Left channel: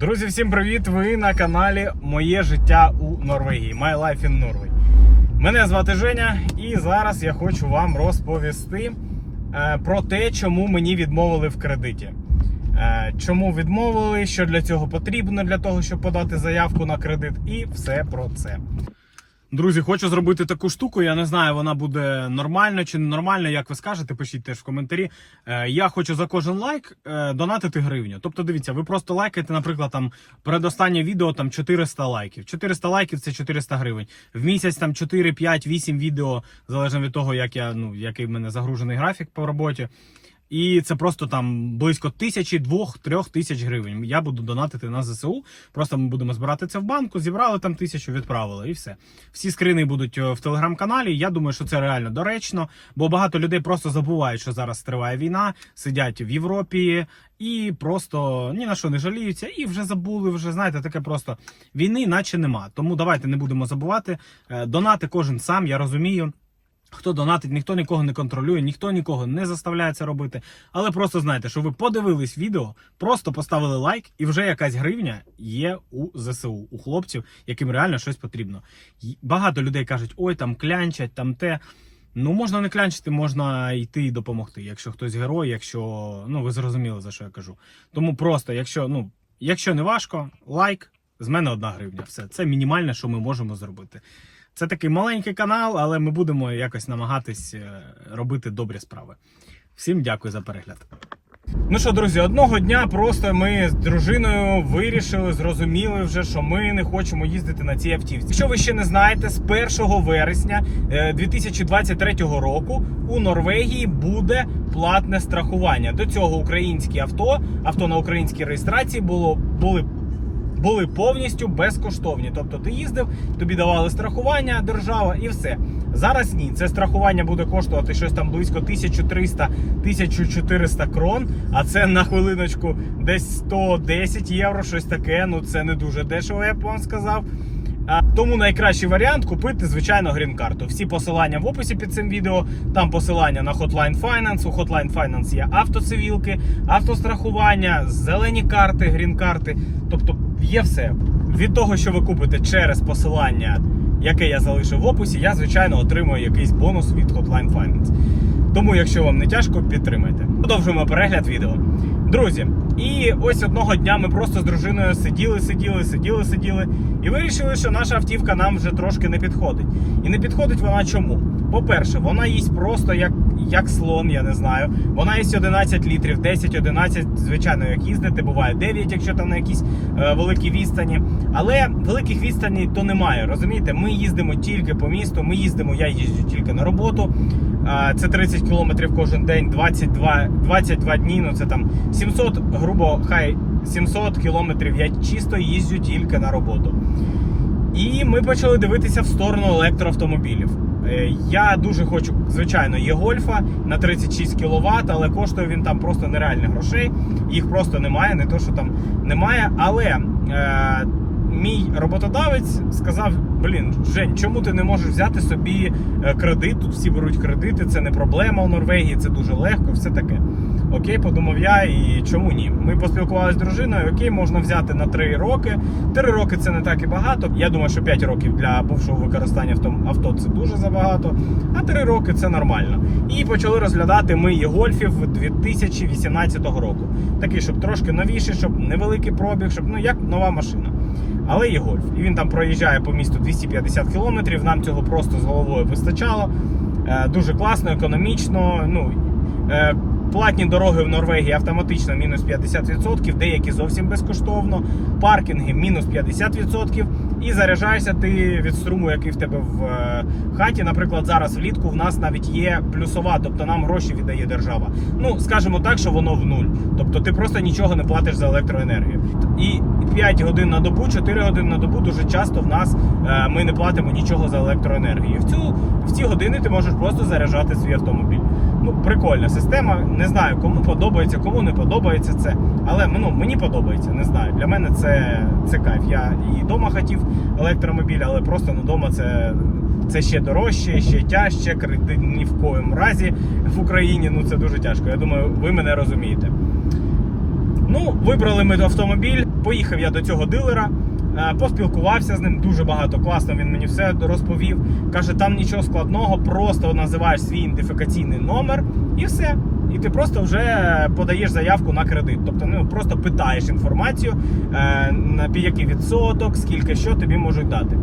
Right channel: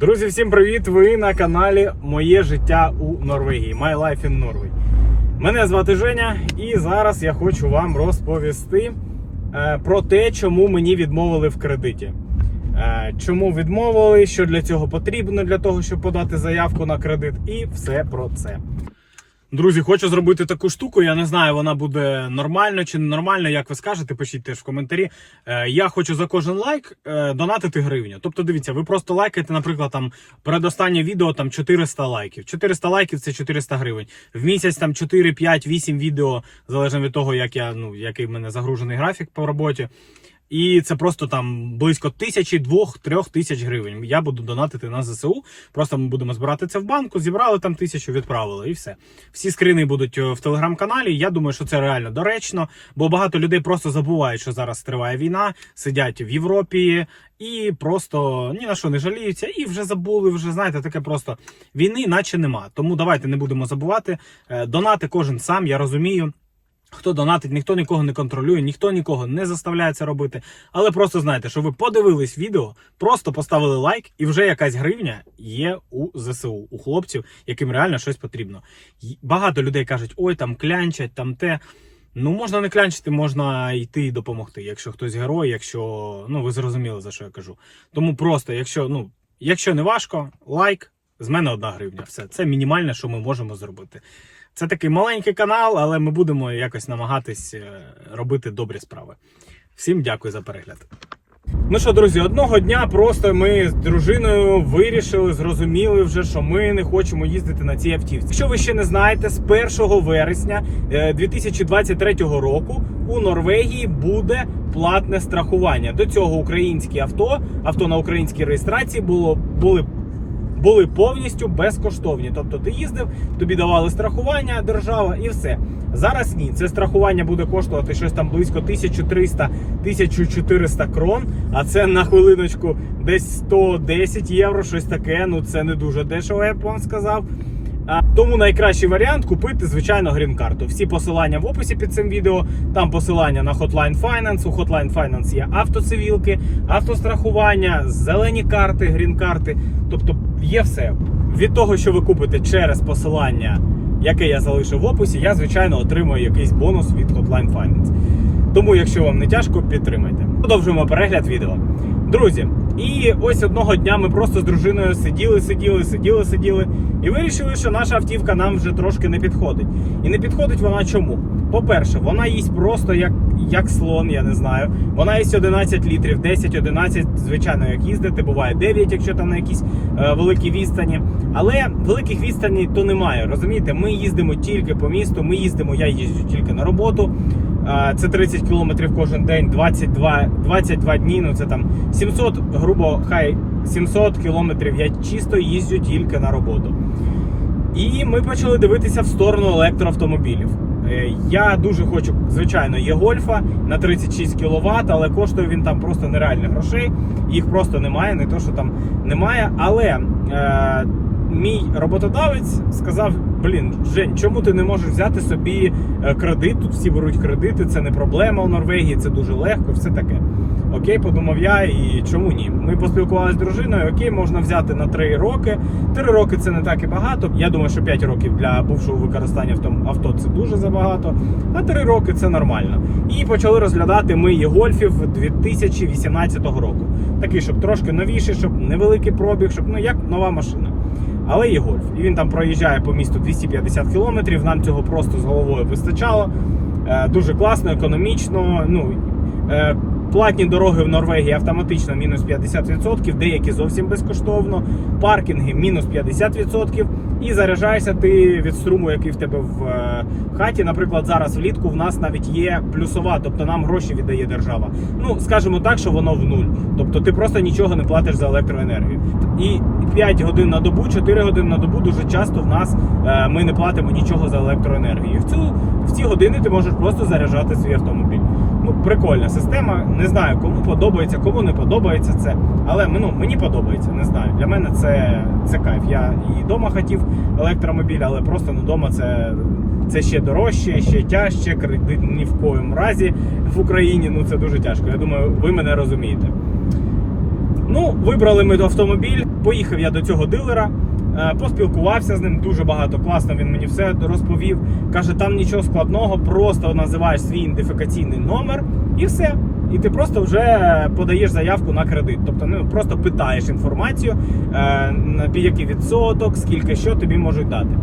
Друзі, всім привіт! Ви на каналі Моє життя у Норвегії. My Life in Norway. Мене звати Женя, і зараз я хочу вам розповісти е, про те, чому мені відмовили в кредиті. Е, чому відмовили, що для цього потрібно для того, щоб подати заявку на кредит, і все про це. Друзі, хочу зробити таку штуку. Я не знаю, вона буде нормально чи не нормально, як ви скажете, пишіть теж в коментарі. Е, я хочу за кожен лайк е, донатити гривню. Тобто, дивіться, ви просто лайкаєте, наприклад, там передостаннє відео там 400 лайків. 400 лайків це 400 гривень. В місяць там 4, 5, 8 відео, залежно від того, як я ну який в мене загружений графік по роботі. І це просто там близько тисячі, двох, трьох тисяч гривень. Я буду донатити на ЗСУ. Просто ми будемо збирати це в банку, зібрали там тисячу, відправили, і все. Всі скрини будуть е, в телеграм-каналі. Я думаю, що це реально доречно, бо багато людей просто забувають, що зараз триває війна, сидять в Європі і просто ні на що не жаліються, і вже забули. Вже знаєте, таке просто війни, наче нема. Тому давайте не будемо забувати. Е, Донати кожен сам, я розумію. Хто донатить, ніхто нікого не контролює, ніхто нікого не заставляє це робити. Але просто знайте, що ви подивились відео, просто поставили лайк, і вже якась гривня є у ЗСУ, у хлопців, яким реально щось потрібно. Багато людей кажуть, ой, там клянчать, там те. Ну, можна не клянчити, можна йти і допомогти. Якщо хтось герой, якщо ну ви зрозуміли за що я кажу. Тому просто, якщо ну якщо не важко, лайк, з мене одна гривня. Все це мінімальне, що ми можемо зробити. Це такий маленький канал, але ми будемо якось намагатись е, робити добрі справи. Всім дякую за перегляд. Ну що, друзі, одного дня просто ми з дружиною вирішили, зрозуміли вже, що ми не хочемо їздити на цій автівці. Якщо ви ще не знаєте, з 1 вересня е, 2023 року у Норвегії буде платне страхування. До цього українські авто, авто на українській реєстрації було були були повністю безкоштовні. Тобто ти їздив, тобі давали страхування, держава і все. Зараз ні. Це страхування буде коштувати щось там близько 1300-1400 крон. А це на хвилиночку десь 110 євро, щось таке. Ну це не дуже дешево, я б сказав. Тому найкращий варіант купити, звичайно, грін-карту. Всі посилання в описі під цим відео. Там посилання на Hotline Finance. У Hotline Finance є автоцивілки, автострахування, зелені карти, грін-карти. Тобто є все. Від того, що ви купите через посилання, яке я залишив в описі, я, звичайно, отримую якийсь бонус від Hotline Finance. Тому, якщо вам не тяжко, підтримайте. Продовжуємо перегляд відео. Друзі, і ось одного дня ми просто з дружиною сиділи, сиділи, сиділи, сиділи, і вирішили, що наша автівка нам вже трошки не підходить. І не підходить вона чому? По-перше, вона їсть просто як, як слон, я не знаю. Вона їсть 11 літрів, 10-11, звичайно, як їздити, буває 9, якщо там на якісь е, великі відстані. Але великих відстаней то немає. Розумієте, ми їздимо тільки по місту, ми їздимо, я їжджу тільки на роботу. Е, Це 30 кілометрів кожен день, 22, 22 дні. Ну це там 700, грубо хай 700 кілометрів. Я чисто їздю тільки на роботу. І ми почали дивитися в сторону електроавтомобілів. Е, Я дуже хочу, звичайно, є гольфа на 36 кВт, але коштує він там просто нереальних грошей. Їх просто немає, не то, що там немає. Але е, мій роботодавець сказав: Блін, Жень, чому ти не можеш взяти собі е, кредит? Тут всі беруть кредити, це не проблема у Норвегії, це дуже легко, все таке. Окей, подумав я, і чому ні? Ми поспілкувалися з дружиною. Окей, можна взяти на 3 роки. 3 роки це не так і багато. Я думаю, що 5 років для бувшого використання авто, авто це дуже забагато. А 3 роки це нормально. І почали розглядати ми і гольфів 2018 року. Такий, щоб трошки новіший, щоб невеликий пробіг, щоб ну як нова машина. Але є гольф. І він там проїжджає по місту 250 кілометрів. Нам цього просто з головою вистачало. Е, Дуже класно, економічно. Ну е, платні дороги в Норвегії автоматично мінус 50%, деякі зовсім безкоштовно. Паркінги мінус 50%. І заряджаєшся ти від струму, який в тебе в е, хаті. Наприклад, зараз влітку в нас навіть є плюсова, тобто нам гроші віддає держава. Ну скажімо так, що воно в нуль. Тобто ти просто нічого не платиш за електроенергію. І 5 годин на добу, 4 години на добу дуже часто в нас е, ми не платимо нічого за електроенергію. В цю в ці години ти можеш просто заряджати свій автомобіль. Прикольна система. Не знаю, кому подобається, кому не подобається це. Але ну, мені подобається, не знаю. Для мене це, це кайф. Я і вдома хотів електромобіль, але просто ну, вдома це, це ще дорожче, ще тяжче. Кредит ні в коєму разі в Україні. Ну це дуже тяжко. Я думаю, ви мене розумієте. Ну, вибрали ми автомобіль. поїхав я до цього дилера. Е, Поспілкувався з ним дуже багато класно. Він мені все розповів. Каже, там нічого складного, просто називаєш свій ідентифікаційний номер і все. І ти просто вже подаєш заявку на кредит. Тобто, ну просто питаєш інформацію, е, на який відсоток, скільки що тобі можуть дати.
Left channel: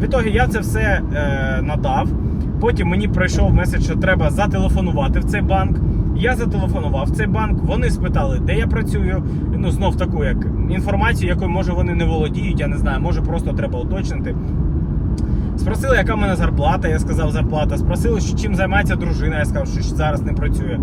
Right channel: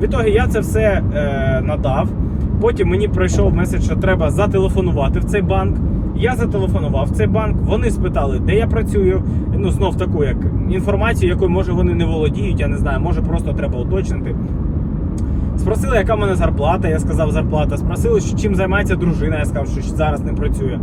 В ітогі я це все е, надав. Потім мені прийшов меседж, що треба зателефонувати в цей банк. Я зателефонував в цей банк. Вони спитали, де я працюю. Ну знов таку як інформацію, якою може вони не володіють. Я не знаю, може просто треба уточнити. Спросили, яка в мене зарплата. Я сказав зарплата. Спросили, що чим займається дружина. Я сказав, що зараз не працює.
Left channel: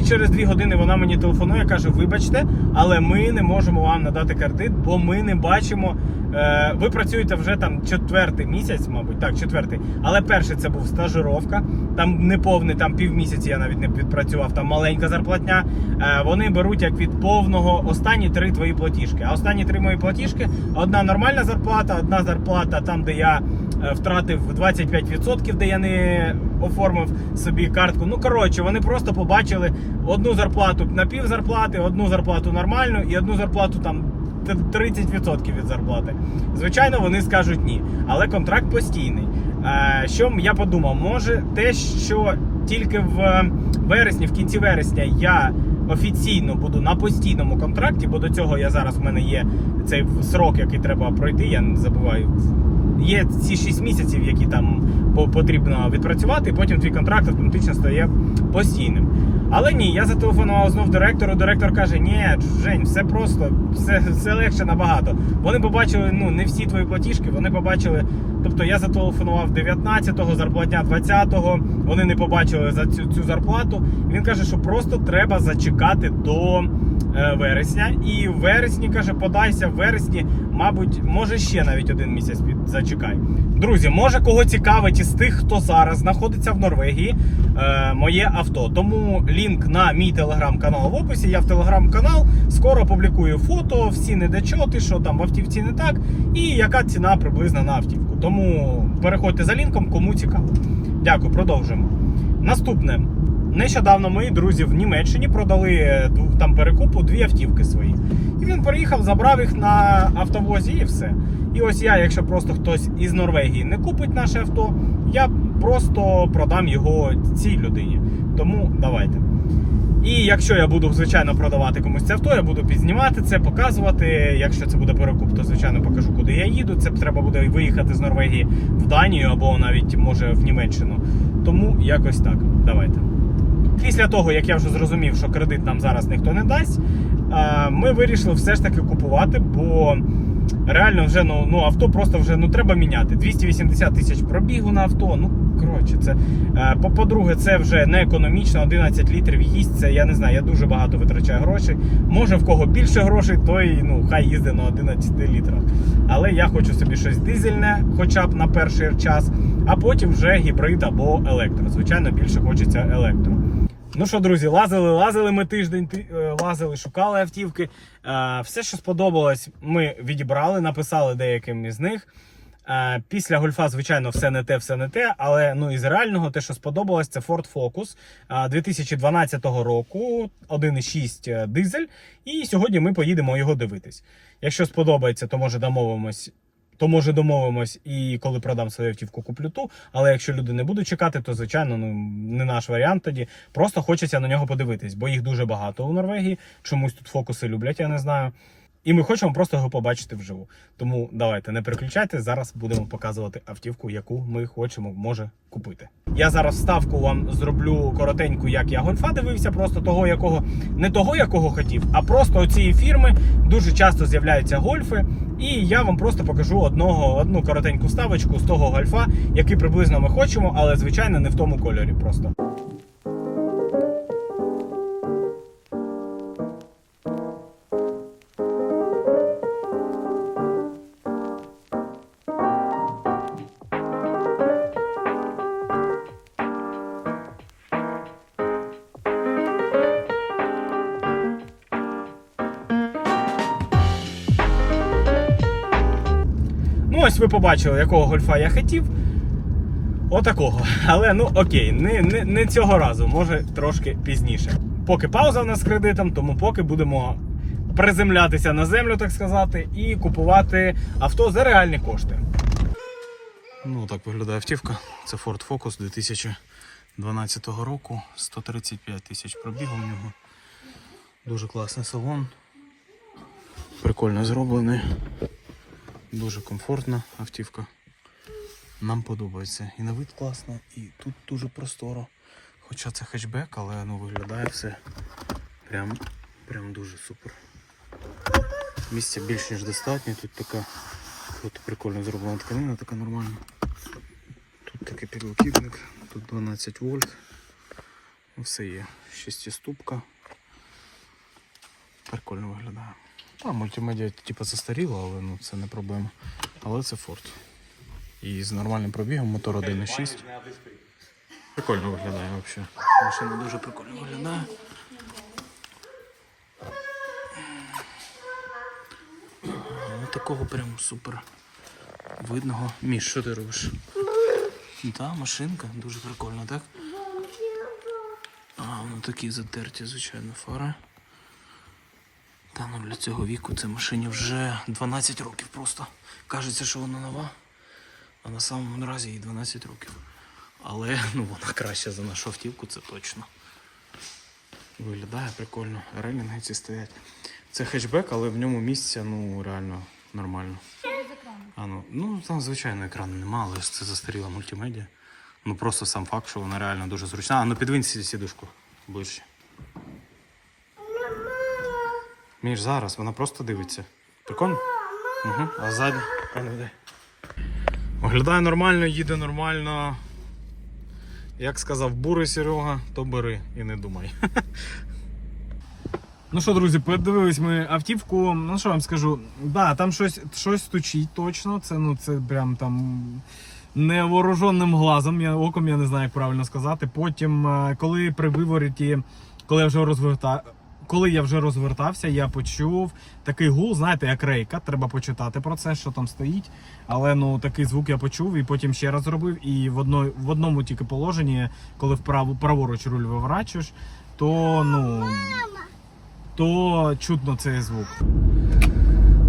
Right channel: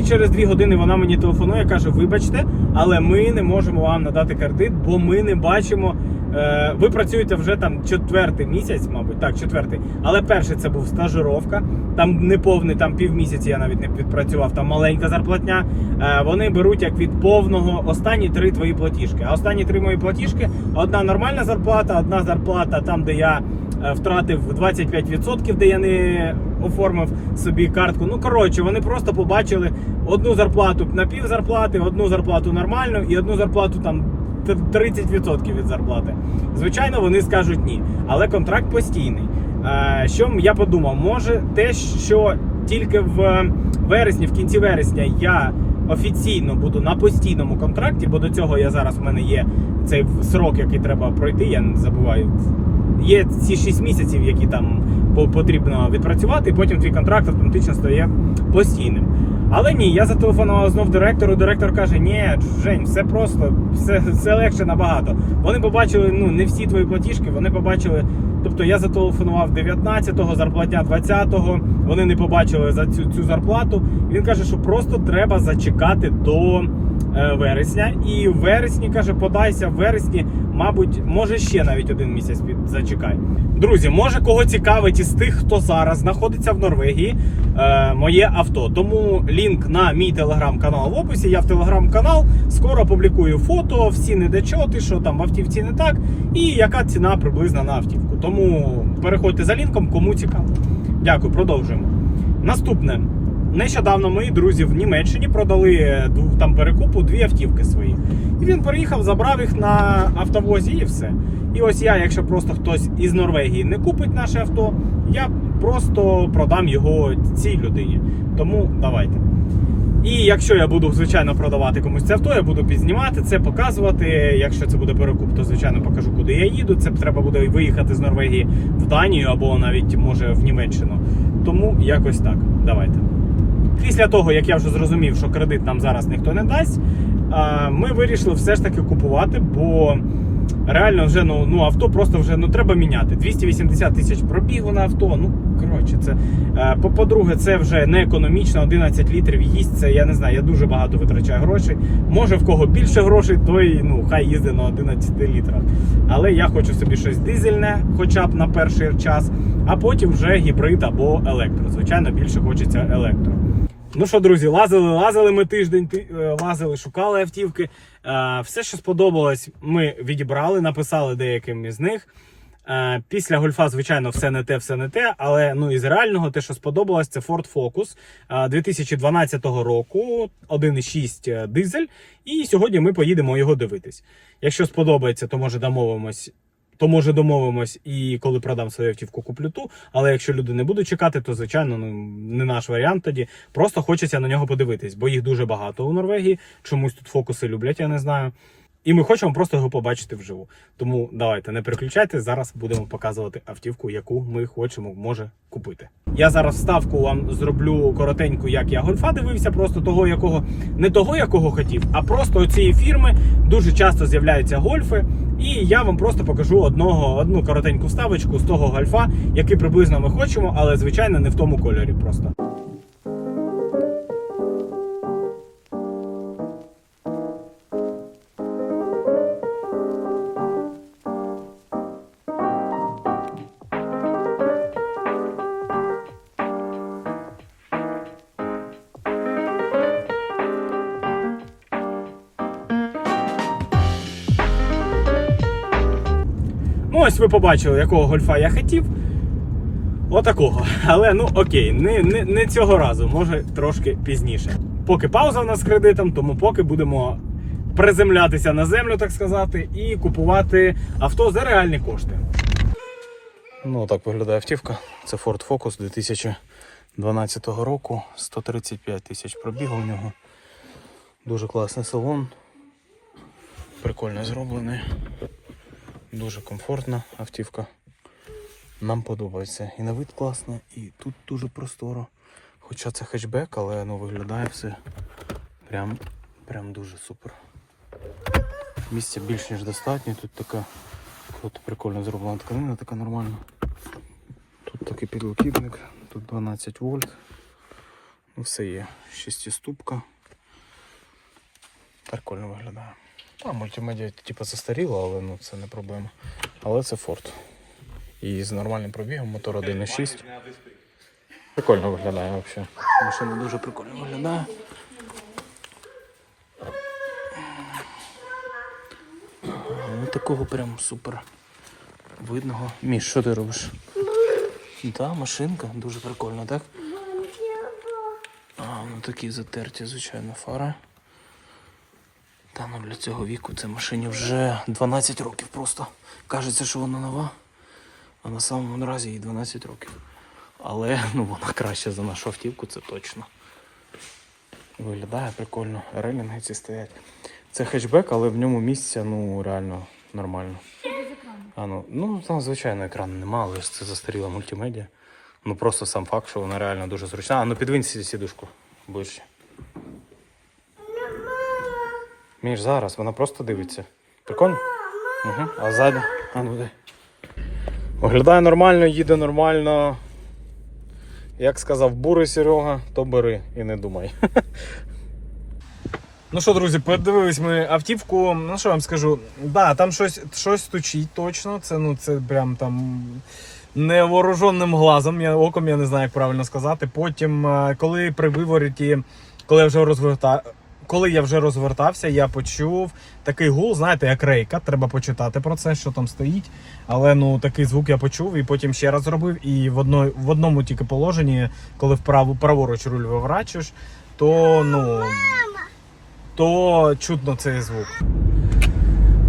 І через дві години вона мені телефонує, каже: Вибачте, але ми не можемо вам надати кредит, бо ми не бачимо. Е, ви працюєте вже там четвертий місяць, мабуть, так, четвертий. Але перший це був стажировка. Там не повний, там півмісяці я навіть не відпрацював, там маленька зарплатня. Е, вони беруть як від повного останні три твої платіжки. А останні три мої платіжки: одна нормальна зарплата, одна зарплата там, де я е, втратив 25%, де я не оформив собі картку. Ну коротше, вони просто побачили одну зарплату на пів зарплати, одну зарплату нормальну і одну зарплату там. 30% від зарплати. Звичайно, вони скажуть ні. Але контракт постійний. Е, Що я подумав, може те, що тільки в вересні, в кінці вересня, я офіційно буду на постійному контракті, бо до цього я зараз в мене є цей срок, який треба пройти. Я не забуваю. Є ці 6 місяців, які там потрібно відпрацювати, і потім твій контракт автоматично стає постійним. Але ні, я зателефонував знов директору. Директор каже: Ні, Жень, все просто, все, все легше набагато. Вони побачили ну не всі твої платіжки, вони побачили. Тобто я зателефонував 19-го, зарплатня 20-го, Вони не побачили за цю, цю зарплату. Він каже, що просто треба зачекати до е, вересня. І в вересні каже, подайся в вересні, мабуть, може ще навіть один місяць під зачекай. Друзі, може кого цікавить із тих, хто зараз знаходиться в Норвегії, е, моє авто. Тому лінк на мій телеграм-канал в описі. Я в телеграм-канал скоро публікую фото, всі недочоти, що там в автівці не так, і яка ціна приблизна на автівку. Тому переходьте за лінком, кому цікаво. Дякую, продовжуємо. Наступне. Нещодавно мої друзі в Німеччині продали е, там перекупу дві автівки свої. І він приїхав, забрав їх на автовозі і все. І ось я, якщо просто хтось із Норвегії не купить наше авто, я просто продам його цій людині. Тому давайте. І якщо я буду, звичайно, продавати комусь це авто, я буду підзнімати це, показувати. Якщо це буде перекуп, то звичайно покажу, куди я їду. Це треба буде виїхати з Норвегії в Данію або навіть може в Німеччину. Тому якось так. Давайте. Після того, як я вже зрозумів, що кредит нам зараз ніхто не дасть, ми вирішили все ж таки купувати, бо реально вже ну, ну авто просто вже ну треба міняти. 280 тисяч пробігу на авто. Ну коротше, це е, по- по-друге, це вже не економічно. 11 літрів їсть. Це я не знаю. Я дуже багато витрачаю грошей. Може в кого більше грошей, той ну хай їздить на 11 літрах. Але я хочу собі щось дизельне, хоча б на перший час, а потім вже гібрид або електро. Звичайно, більше хочеться електро. Ну що, друзі, лазили, лазили ми тиждень, е, лазили, шукали автівки. Е, Все, що сподобалось, ми відібрали, написали деяким із них. Е, Після гольфа, звичайно, все не те, все не те. Але ну із реального, те, що сподобалось, це Ford Focus е, 2012 року, 1,6 дизель. І сьогодні ми поїдемо його дивитись. Якщо сподобається, то може домовимось. То може домовимось і коли продам свою автівку, куплю ту. Але якщо люди не будуть чекати, то звичайно ну не наш варіант тоді. Просто хочеться на нього подивитись, бо їх дуже багато у Норвегії. Чомусь тут фокуси люблять, я не знаю. І ми хочемо просто його побачити вживу. Тому давайте не переключайте. Зараз будемо показувати автівку, яку ми хочемо може купити. Я зараз вставку вам зроблю коротеньку, як я гольфа дивився, просто того, якого не того, якого хотів, а просто цієї фірми дуже часто з'являються гольфи. І я вам просто покажу одного одну коротеньку вставочку з того гольфа, який приблизно ми хочемо, але звичайно не в тому кольорі. Просто. Ось ви побачили, якого гольфа я хотів. Отакого. Але ну окей, не, не, не цього разу, може трошки пізніше. Поки пауза у нас з кредитом, тому поки будемо приземлятися на землю, так сказати, і купувати авто за реальні кошти. Ну, так виглядає автівка. Це Ford Focus 2012 року. 135 тисяч пробігу у нього. Дуже класний салон. Прикольно зроблений. Дуже комфортна автівка. Нам подобається. І на вид класно, і тут дуже просторо. Хоча це хетчбек, але ну, виглядає все прям, прям дуже супер. Місця більш ніж достатньо. Тут така круто, прикольно зроблена тканина, така нормальна. Тут такий підлокітник, тут 12 вольт. Ну, Все є. Шестиступка. Прикольно виглядає. Та, мультимедіа типу застаріла, але ну, це не проблема. Але це Ford. І з нормальним пробігом, мотор 1.6. Прикольно виглядає взагалі. Машина дуже прикольно виглядає. Ну, такого прям супер видного. Міш, що ти робиш? Так, машинка, дуже прикольна, так? А, ну такі затерті, звичайно, фари. Та ну для цього віку це машині вже 12 років просто. Кажеться, що вона нова, а на самому наразі їй 12 років. Але ну вона краще за нашу автівку, це точно. Виглядає прикольно. Релінги ці стоять. Це хетчбек, але в ньому місця ну реально нормально. А, ну, ну там звичайно екрану нема, але це застаріла мультимедіа. Ну просто сам факт, що вона реально дуже зручна. А ну підвинь сі- сідушку ближче. Між зараз, вона просто дивиться. Прикольно? Угу. А ззаді? А, ну, дай. Виглядає нормально, їде нормально. Як сказав бурий Серега, то бери і не думай. Ну що, друзі, подивились ми автівку. Ну що вам скажу? Да, там щось, щось стучить точно. Це ну це прям там невооруженим глазом, я оком я не знаю, як правильно сказати. Потім, е, коли при вивороті, коли я вже розверта... коли я вже розвертався, я почув такий гул, знаєте, як рейка. Треба почитати про це, що там стоїть. Але ну такий звук я почув і потім ще раз зробив. І в одно, в одному тільки положенні, коли вправо праворуч руль виворачуєш, то ну то чутно цей звук.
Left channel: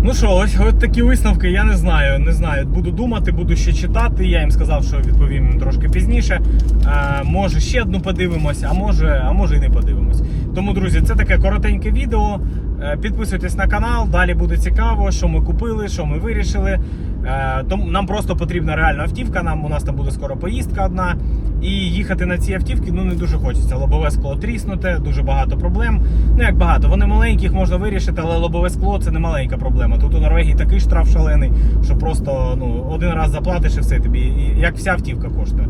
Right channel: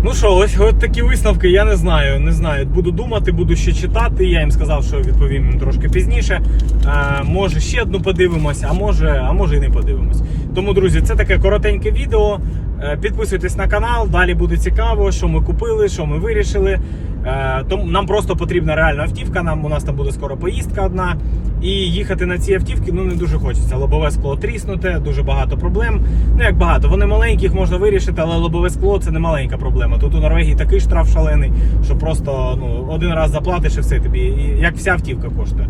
Ну що, ось, ось такі висновки, я не знаю. Не знаю. Буду думати, буду ще читати. Я їм сказав, що відповім їм трошки пізніше. Е, може ще одну подивимося, а може, а може і не подивимось. Тому, друзі, це таке коротеньке відео. Е, Підписуйтесь на канал, далі буде цікаво, що ми купили, що ми вирішили. Е, Тому нам просто потрібна реальна автівка. Нам у нас там буде скоро поїздка одна. І їхати на ці автівки ну не дуже хочеться. Лобове скло тріснуте, дуже багато проблем. Ну як багато, вони маленькі, їх можна вирішити, але лобове скло це не маленька проблема. Тут у Норвегії такий штраф шалений, що просто ну один раз заплатиш і все тобі, як вся автівка коштує.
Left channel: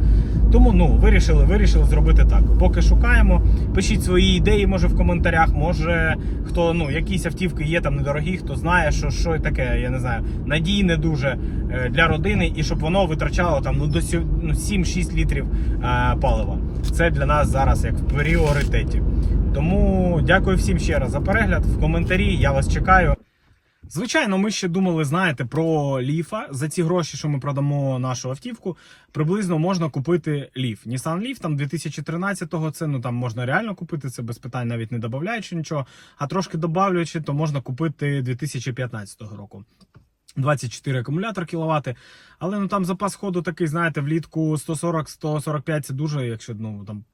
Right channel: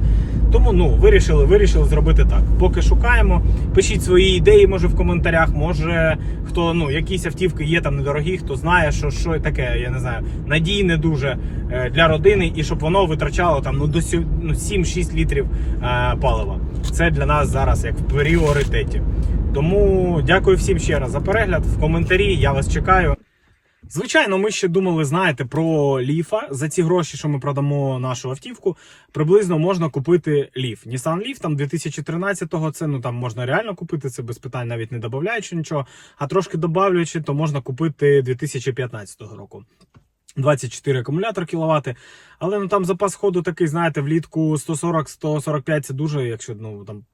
Тому ну вирішили, вирішили зробити так. Поки шукаємо. Пишіть свої ідеї, може в коментарях. Може хто ну якісь автівки є там недорогі, хто знає, що що таке, я не знаю, надійне дуже для родини, і щоб воно витрачало там ну до ну, 7-6 літрів е, палива. Це для нас зараз як в пріоритеті. Тому дякую всім ще раз за перегляд. В коментарі я вас чекаю. Звичайно, ми ще думали, знаєте, про ліфа. За ці гроші, що ми продамо нашу автівку, приблизно можна купити ліф. Nissan Leaf там 2013-го, це ну там можна реально купити, це без питань, навіть не додаючи нічого. А трошки добавлюючи, то можна купити 2015 року. 24 акумулятор кіловати. Але ну там запас ходу такий, знаєте, влітку 140-145 це дуже, якщо ну там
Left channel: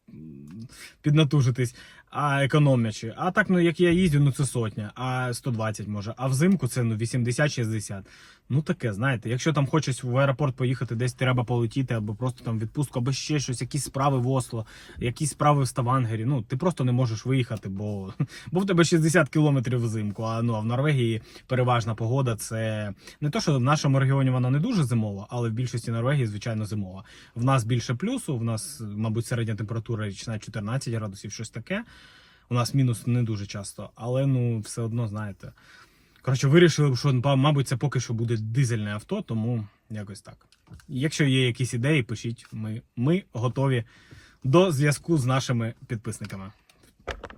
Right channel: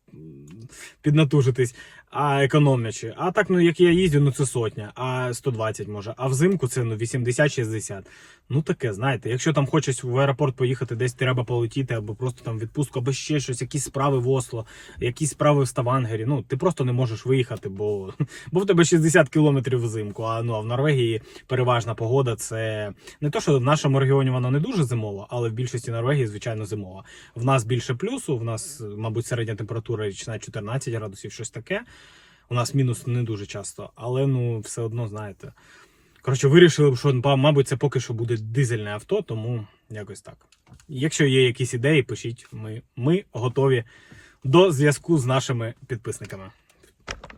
піднатужитись, а економлячи. А так, ну як я їздю, ну це сотня, а 120 може. А взимку це ну 80-60. Ну таке, знаєте, якщо там хочеш в аеропорт поїхати, десь треба полетіти, або просто там відпустку, або ще щось, якісь справи в Осло, якісь справи в Ставангері. Ну ти просто не можеш виїхати, бо, бо в тебе 60 кілометрів взимку. А ну а в Норвегії переважна погода це не то, що в нашому регіоні вона не дуже зимова, але в більшості Норвегії, звичайно, зимова. В нас більше плюсу, в нас, мабуть, середня температура річна 14 градусів, щось таке. У нас мінус не дуже часто, але ну все одно знаєте. Коротше, вирішили, що мабуть, це поки що буде дизельне авто, тому якось так. Якщо є якісь ідеї, пишіть. Ми, ми готові до зв'язку з нашими підписниками.